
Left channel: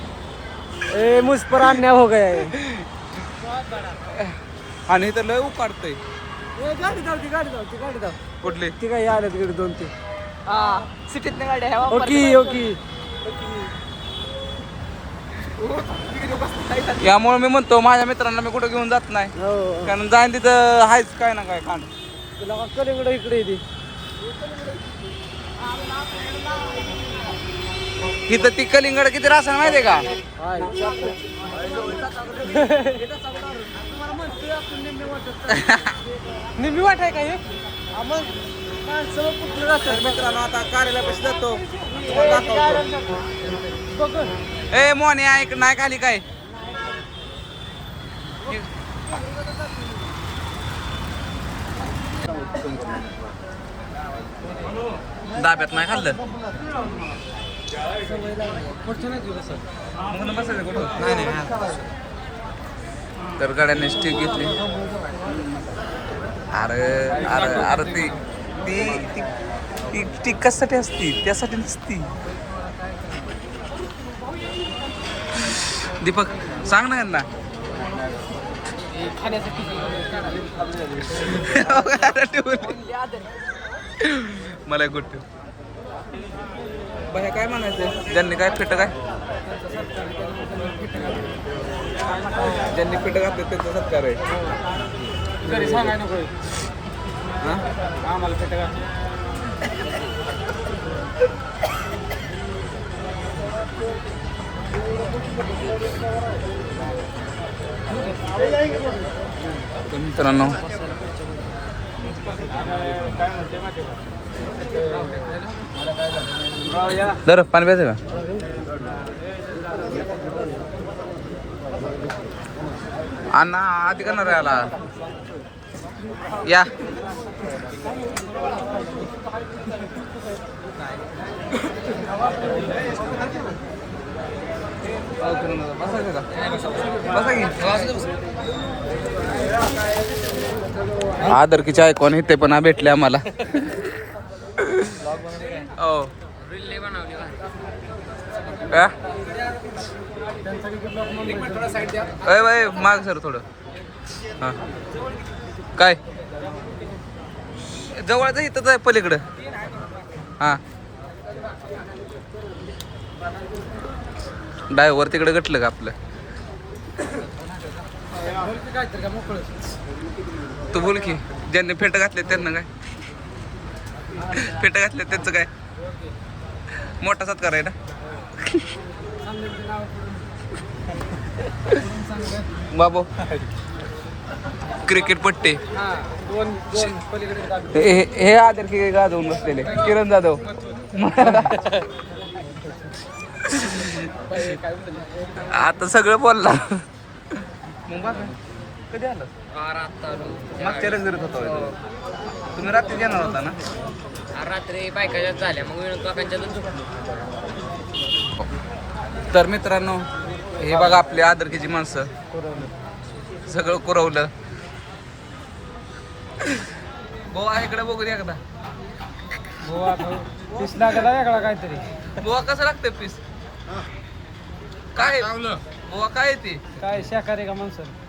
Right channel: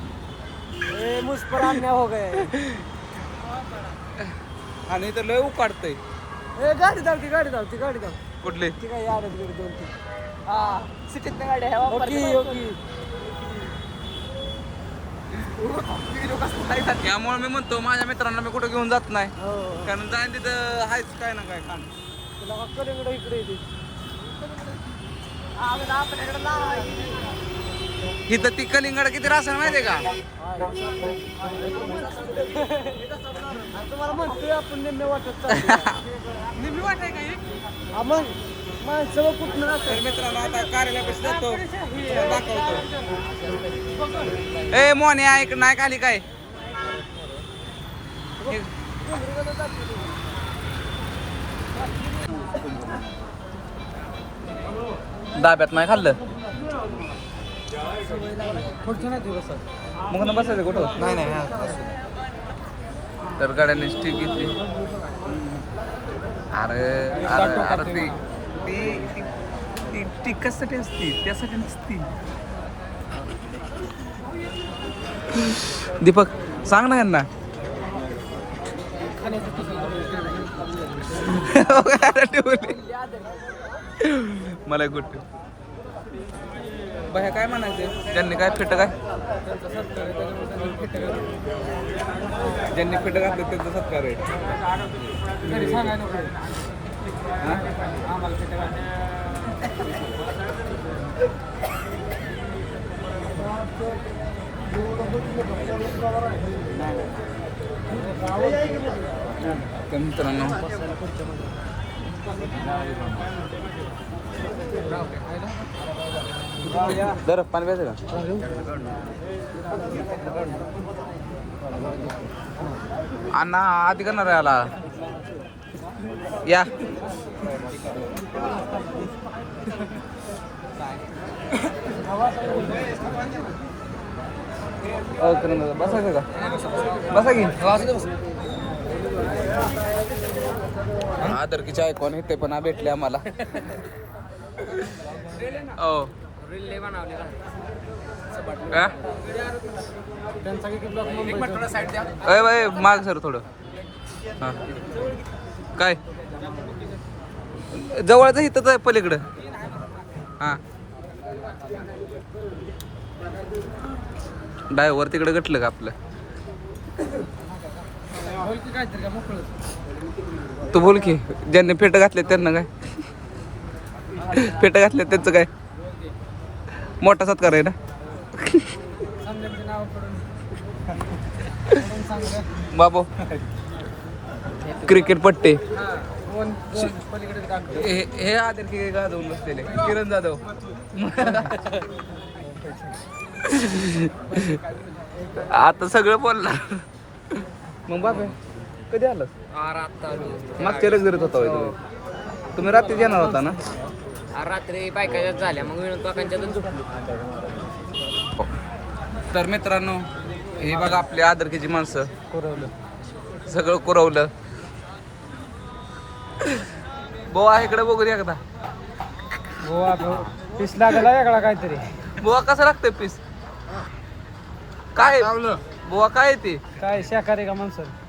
ए मुझ पर अन्याय हो गया है. आणि इथं लय उकाडतंय. ए गाडी जाऊ कुठले? ती काय आल्यात इकडे 2-3. हा सिटीत गाडी आहे. ओके यामुळे मी म्हणतो माझ्या मित्रांना मी कुठं घेऊन जात नाही, हो कारण जाईन तिथं आहेच काय ना काय खाण. तुला कलिंगड इकडे येते. इथं ती कलिंगड किती राहणार माहितीये का? निम्मी वाट आहे का हे? तर मित्रांनो आता कार्यालयापाशी जातो, तुम्हाला दाखवतो. ए मोने ऐक नाही खाली काय दाब्यात नाही खाल्लं मग बसायचं कुठं? तर गाड्याने स्टिक घेतली. अरे अरे अरे ती ती ती स्टिक कशासाठी असती? त्यासाठी नसती. दीपक सांग ना यांना. मला एक गोष्ट बाह्या काय म्हणायचं ज्यांनी काय फिट काय ज्यांनी फिट घातले त्यांचा सत्कार आहे हा? तर मित्रांनो दर पाणी प्यायचं का अण्णा आधी करणार आहे आला या बसा का बसा की आदरकीचे ऐकून इथे पण भेटले आम्हाला हो बाय माग सर थोडं हा काय जवळच इथंच आहे पलीकडं हा ड्रायव्हर तिकडे गटलं का आपलं तू बोल की ज्यांनी फेट घातले त्यांना काय फेट घातले त्यांचं काय मोठा सत्कार आहे ना बाबू क्रिकेट पट्टे हे आदर की गाजवून बसलेले किरण जाधव आता सगळं बोलला मग बाबा कधी आलं मागच्या रगरत होता तुम्ही रात्री येणार होता ना रात्री बायकाच्या झाल्या मग तर मित्रांनो हे बघा आपली आदरकीची माणसं सगळं कुरवलं बोवा इकडे बघू एकदा बोवा कसं लागतंय पीस काय बोवा काय ते काय शाकाहारी का माणसं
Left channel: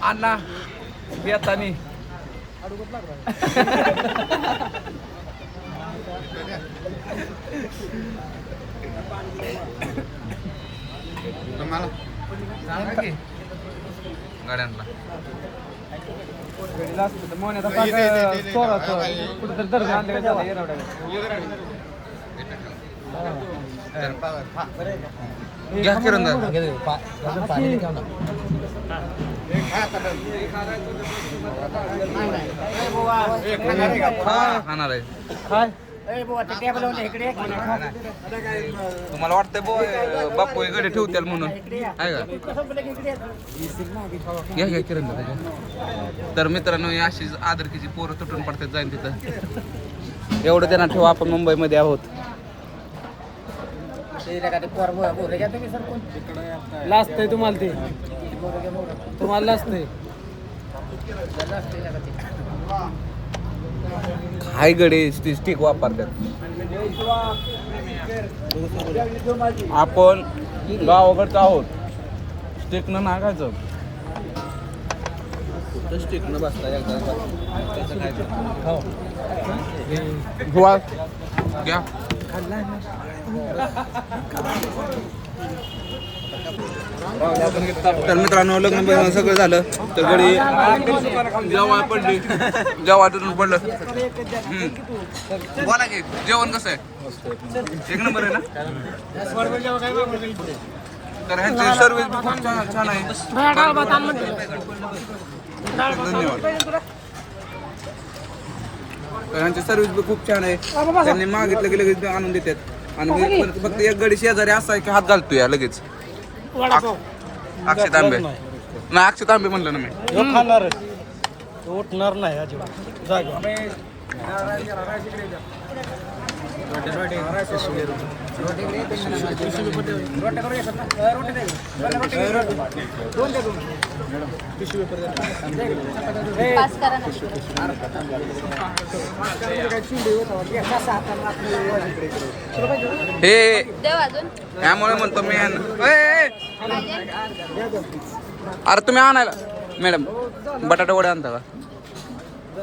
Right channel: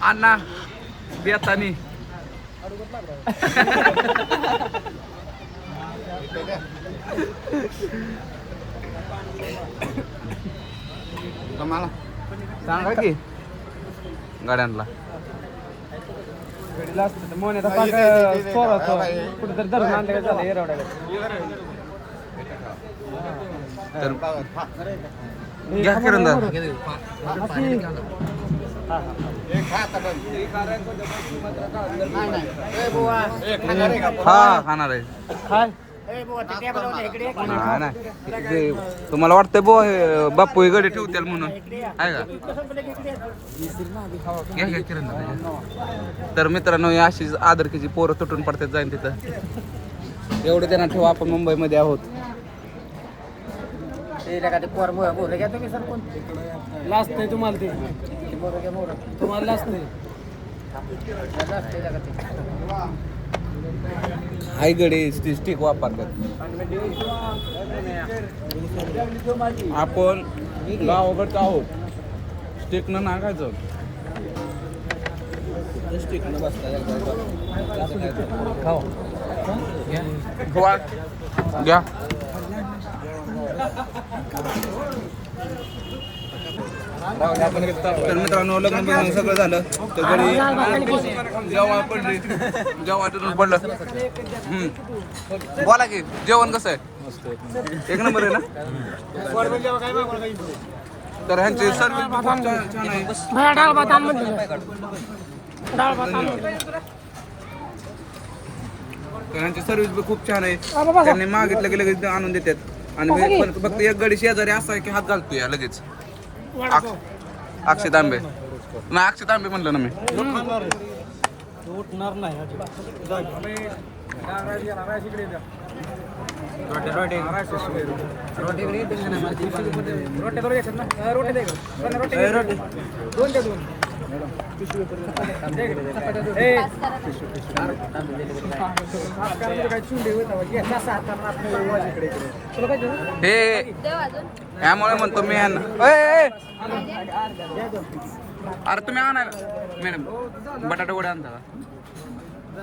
अण्णा बेतानी सांगा की गाड्यांना तर घ्या किरण हा खाणार आहे तुम्हाला वाटतंय बापू हे गडे ठेवतील म्हणून आहे का घ्या घ्या किरण तर मित्रांनो अशी आदरकीची पोरं तुटून पडतात जाईन तिथं एवढं त्यांना ठेवा आपण मुंबईमध्ये आहोत लास्ट आहे तुम्हाला ते तुम्हाला लास्ट आहे हाय गडे स्टिक वापरतात आपण गावाकडचं आहोत स्टिकनं नागायचं स्टिकनं बसता घ्या तर मित्रांनो लग्न बिग्न सगळं झालं तर गडी जेव्हा पडली जेव्हा तिथून पडलं बोला की जेवण कसं आहे एक नंबर आहे ना तर ह्यांची सर्विस बी खूप छान आहे धन्यवाद तर ह्यांची सर्विस बी खूप छान आहे त्यांनी मागितलं की लगेच आणून देतात आणि फक्त एक गडी शेजारी असा आहे की हात घालतोय या लगेच अक्षय तांबे नाही अक्षय तांबे म्हणलं ना मी उठणार नाही हे यामुळे म्हणतो मी अरे तुम्ही आणायला मॅडम बटाटा वडे आणता का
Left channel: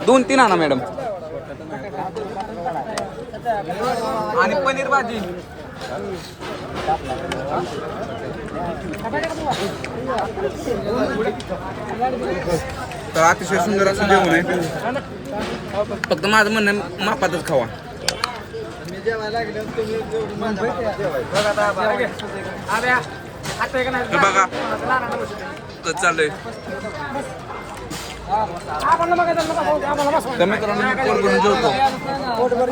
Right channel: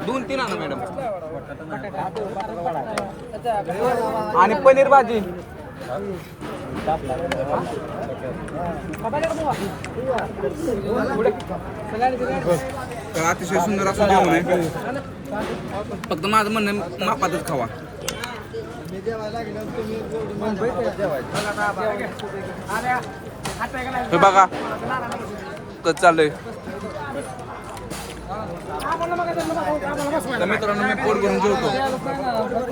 2-3 आणा मॅडम आणि पनीर भाजी तर अतिशय सुंदर असं जेवण आहे फक्त माझं म्हणणं आहे, मापातच खावा तर बघा कसं चाललंय तर मित्रांनो मी पोट भरून जेवतो